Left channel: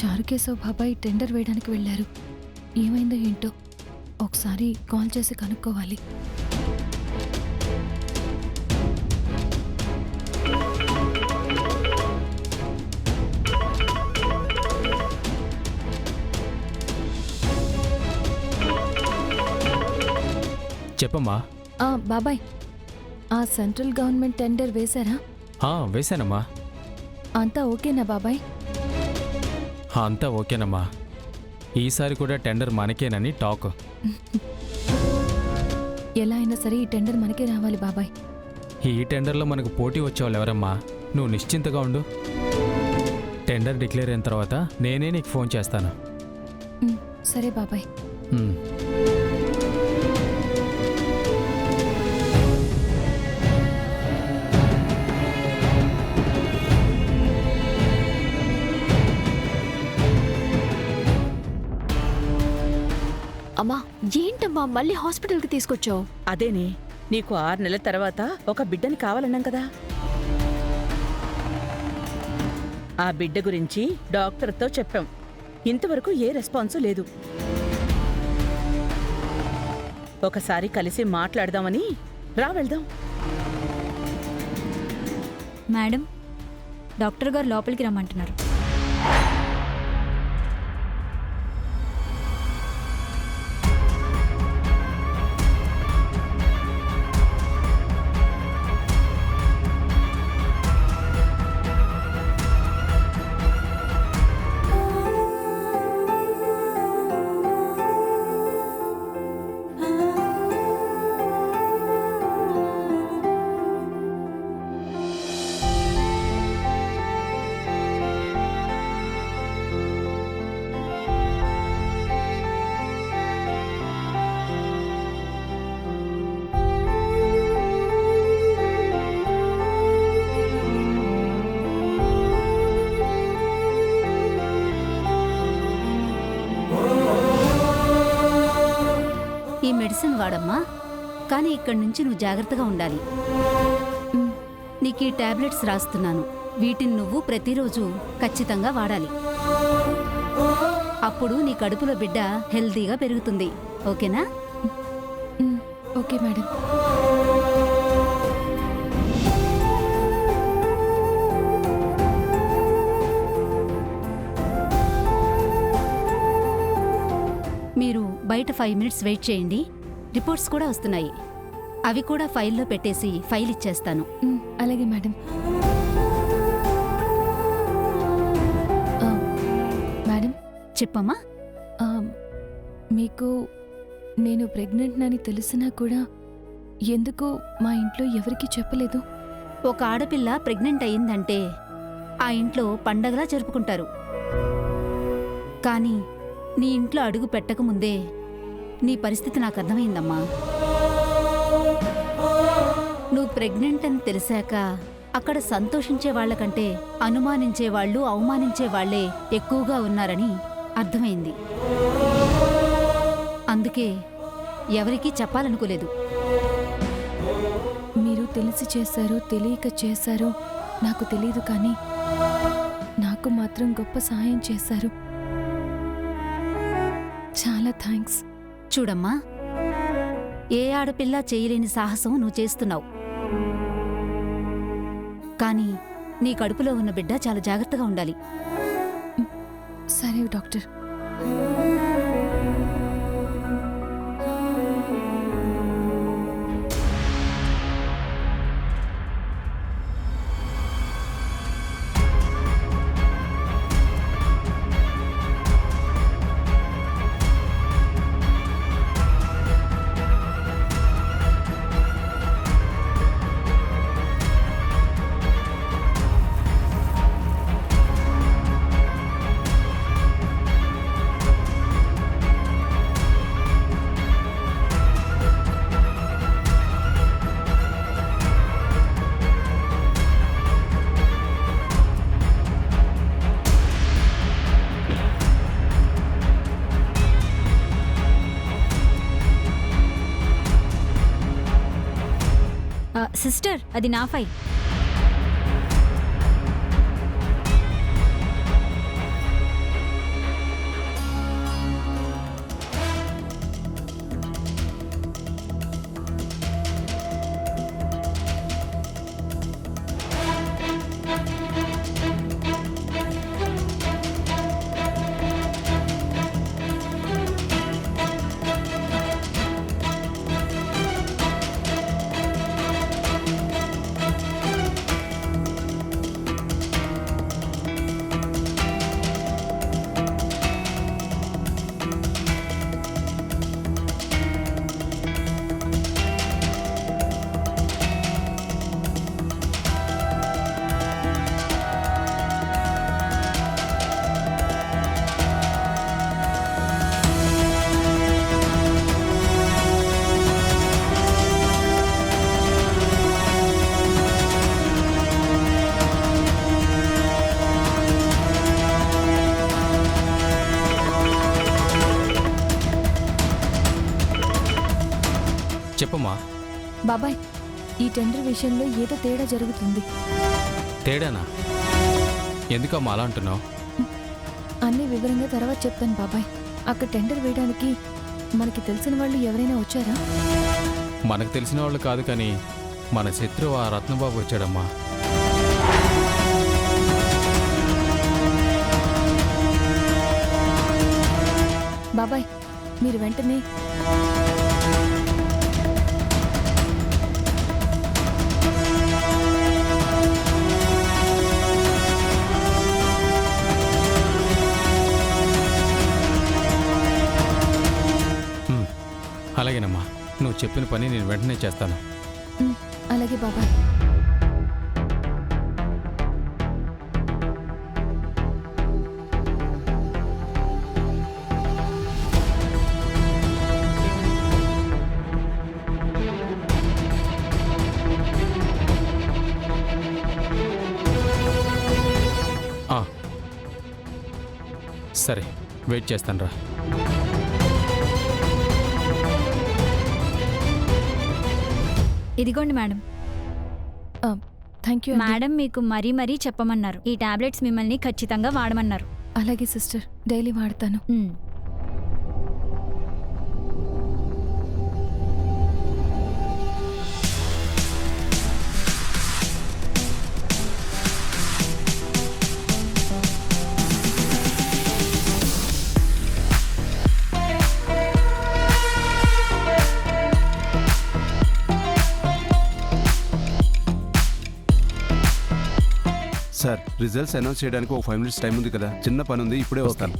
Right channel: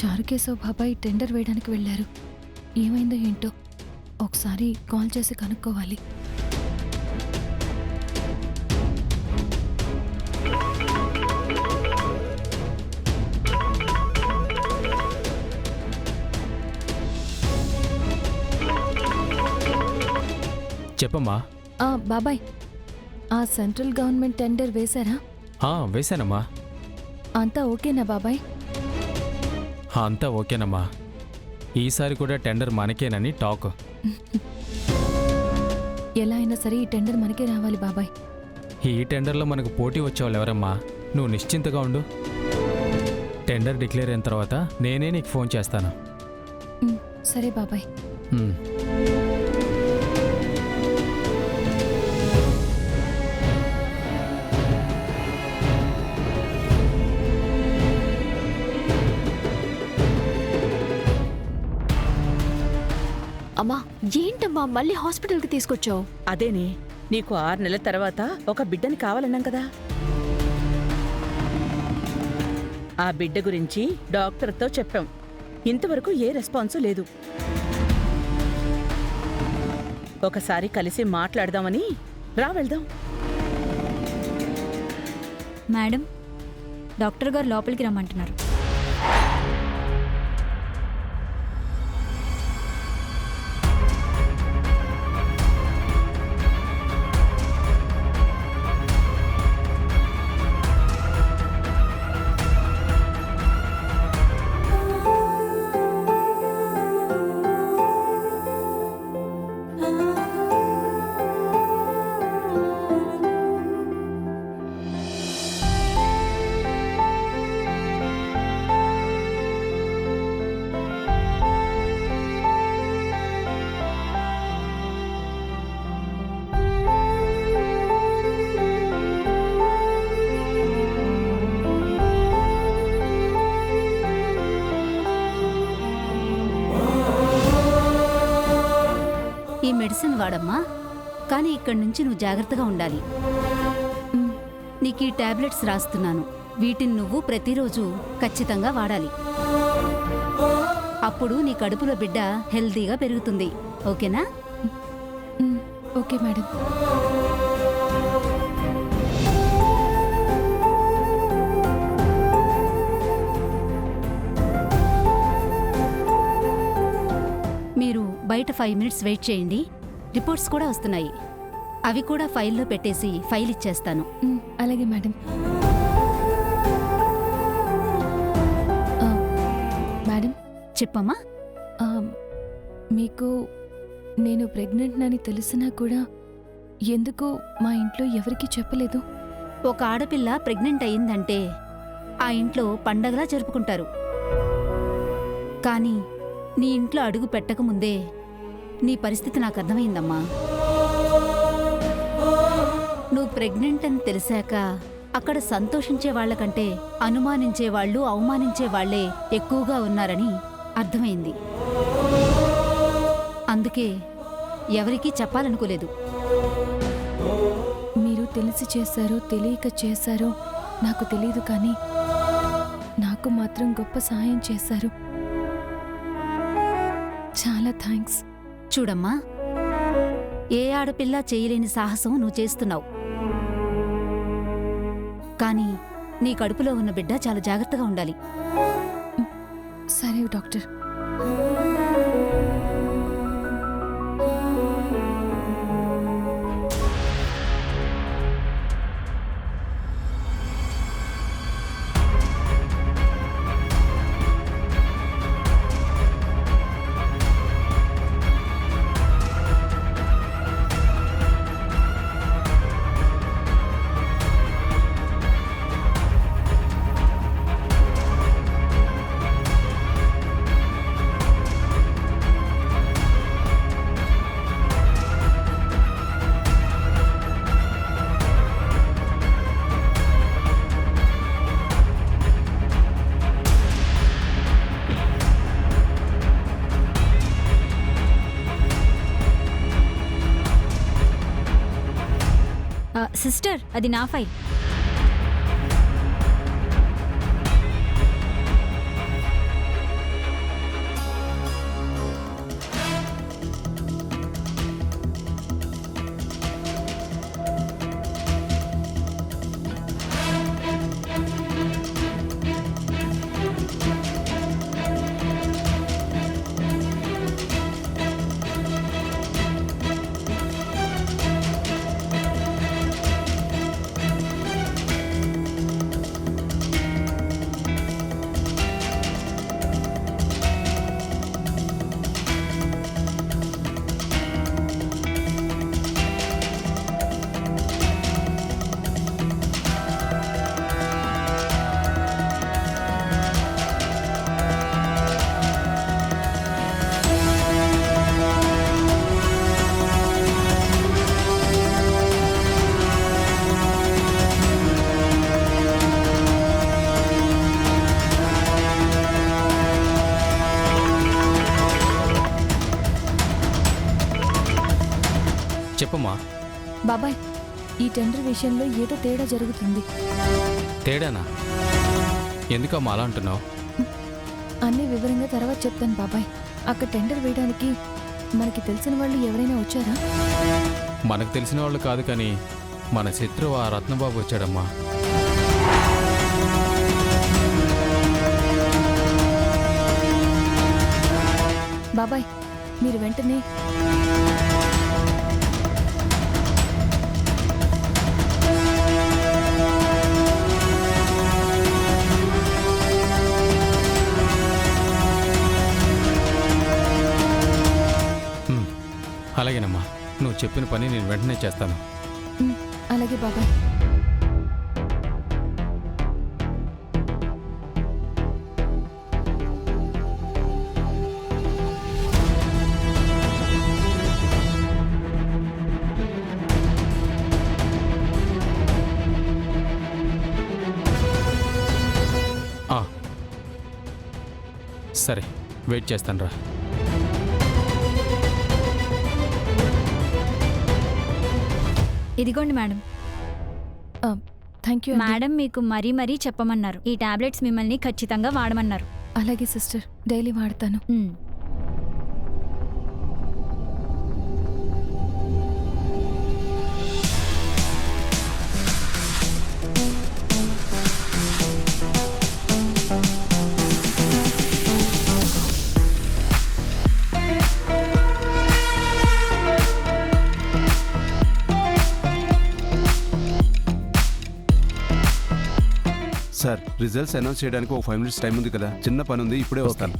చారుకేశవ్ బాబాయ్ టెండర్ వేయడానికి వెళ్ళారు. ఏమైందో ఏంటో ఒకసారి కాల్ చేసి కనుక్కోవాలి. చెప్పమ్మా. బాబాయ్, ఆ సెంట్రల్ గవర్నమెంట్ టెండర్ వేశారా? వేశానమ్మా. అంతా ఓకేనా బాబాయ్? అంతా ఓకేనమ్మా. ఈసారి కూడా టెండర్ మనకేనని టాక్. ఎలా అయినా సరే ఈ టెండర్ మనకే రావాలి బాబాయ్. ఈ టెండర్లో మనకు పోటీ వచ్చేవాళ్ళు ఎవరమ్మా? నువ్వు నిశ్చింతగా ఉండు. టెండర్ డిక్లేర్ అయిన తర్వాత నేనే నీకు ఫోన్ చేస్తాను. సరే బాబాయ్. అమ్మా, ఏంటమ్మా మళ్ళీ హాస్పిటల్కి తీసుకొచ్చావు? అదేనే, నీకు 6 నెలల తర్వాత ఒక బిడ్డని కావాలన్నాం కదా. ఆ బిడ్డ గురించి డాక్టర్తో చెప్పాం. ఇంతవరకు ఏ రెస్పాన్సు లేదు. ఒకసారి కలిసి మాట్లాడదామని రా, వెళ్దాం. మేడం, డాక్టర్ గారు లోపలికి రమ్మంటున్నారు. ఈ మెడిసిన్ వాడమ్మా, కానీ ఇక్కడి నుంచి నువ్వు జాగ్రత్తగా ఉండాలి. నీకు ఈ టాబ్లెట్స్ రాస్తున్నాను. వీటిని నువ్వు ప్రతిరోజు ఖచ్చితంగా వాడాలి. అప్పుడు నీ కడుపులో బిడ్డ హెల్తీగా పెరుగుతుంది. ఓకేనా? Okay madam. మీరు బయట 5 మినిట్స్ వెయిట్ చేయండి. రిపోర్ట్స్ కూడా వస్తున్నాయి. అవి కూడా ఫైల్లో పెట్టేసి ఫైల్ ఇచ్చేస్తాను. అలాగే మేడం. మేడం, చెప్పమ్మా. మీకు నేను ప్రెగ్నెంట్ అని తెలిసినా కూడా ఎందుకు మా ఇంట్లో ఎవరికీ చెప్పలేదు? ఒక ఆడపిల్ల ప్రెగ్నెంట్ అయిందంటే ఆ ఇంట్లో పండగలా జరుపుకుంటారు. కానీ నీ ఇంట్లో అడుగు పెట్టకముందే నీ పరిస్థితి నాకు అర్థమైందమ్మా. నువ్వు ప్రెగ్నెంట్ అని తెలిసాక అక్కడ సంతోషించే వాళ్లకంటే అనుమానించేవాళ్లు, అవమానించేవాళ్లే ఎక్కువగా ఉన్నారని అర్థమైంది. అందుకే ఎవరికీ చెప్పాలనుకోలేదు. మీరు తెలిసి చేశారో తెలియక చేశారో నాకు తెలీదు, కానీ నాకు మాత్రం గొప్ప సహాయం చేశారు. చాలా థ్యాంక్స్. చూడమ్మా, ఏ ఆడపిల్ల చేయలేని సాహసం నువ్వు చేస్తున్నావు. కానీ నీ కడుపులో ఉన్న బిడ్డ చాలా జాగ్రత్తగా ఉండాలి. సరే డాక్టర్. సిస్టర్, అది నా ఫైల్. చెప్పమ్మా. బాబాయ్, ఈ టెండర్ విషయంలో ఏదో తేడా జరుగుతుంది. తేడానా? ఎందుకమ్మా అలా అంటున్నావు? అన్ని వివరంగా తర్వాత చెప్తాను బాబాయ్. అక్కడ టెండర్ వేయడానికి మనకి తెలిసిన వాళ్ళు ఎవరైనా వచ్చారా? మనకు తెలిసిన వాళ్ళు కాదు, కానీ మన శత్రువు ఆ రత్నబాబు వచ్చాడమ్మా. బాబాయ్, మీరు వెంటనే అలాగేనమ్మా, నువ్వు చెప్పిన పని నేను వెంటనే చేస్తాను. అలాగే బాబాయ్. సరే, వెయిట్ చేస్తాను రా. ఇదిగోండి మేడం. Thank you. మేడం మీకు మరీ మరీ చెప్పమన్నారు. ఈ టాబ్లెట్స్ మిమ్మల్ని ఖచ్చితంగా వాడమన్నారు. అలాగే సిస్టర్, డైలీ వాడతాను. సార్, రిజల్ట్స్ అనౌన్స్ చేయడానికి ఒక 5 minutes టైం ఉంది కదా, చిన్న పని ఉంది, ఇప్పుడే వస్తాను.